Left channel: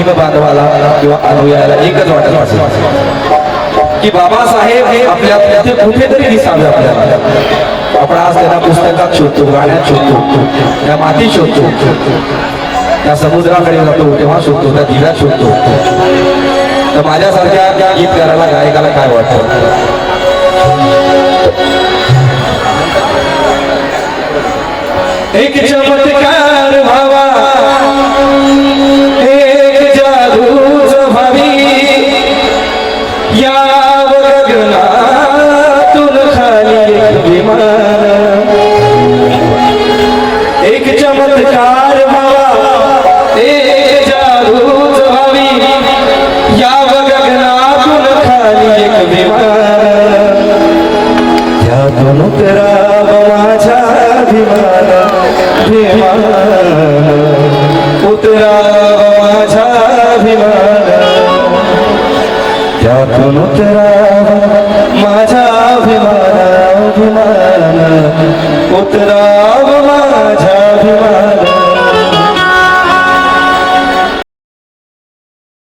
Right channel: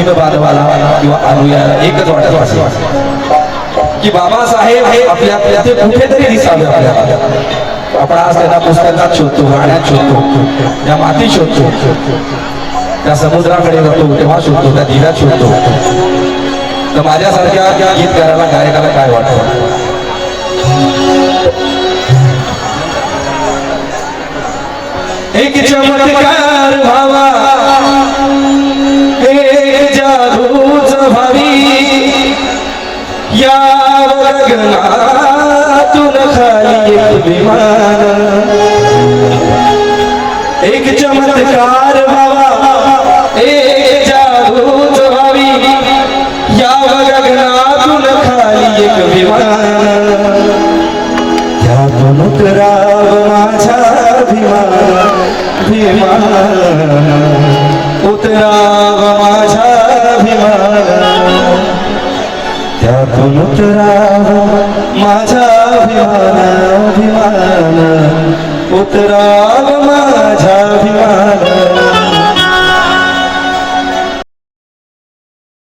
भीम बांधवाला किंवा अनुयायाला एकच वाटत असेल की बाबासाहेब हे आपल्या ते कुठेतरी दिसावे आपल्याला. आपण आज त्यांना पुस्तकात शोधतो, गाण्यात शोधतो, त्या मातीत शोधतो, त्या समुद्राकडे जातो तेव्हा शोधतो, त्या दिव्यात शोधतो. तर माझ्यासारख्या गीतकाराला गायकाला काय वाटतं? एक चमत्कार व्हावा, एक जादूच व्हावी, याव गगनातून खाली एक विमान. एक चमत्कार व्हावा, एक जादूच व्हावी, याव गगनातून खाली एक विमान. त्यातून उतराव माझा अभिमान, उतराव माझा अभिमान. त्यातून उतराव माझा अभिमान, उतराव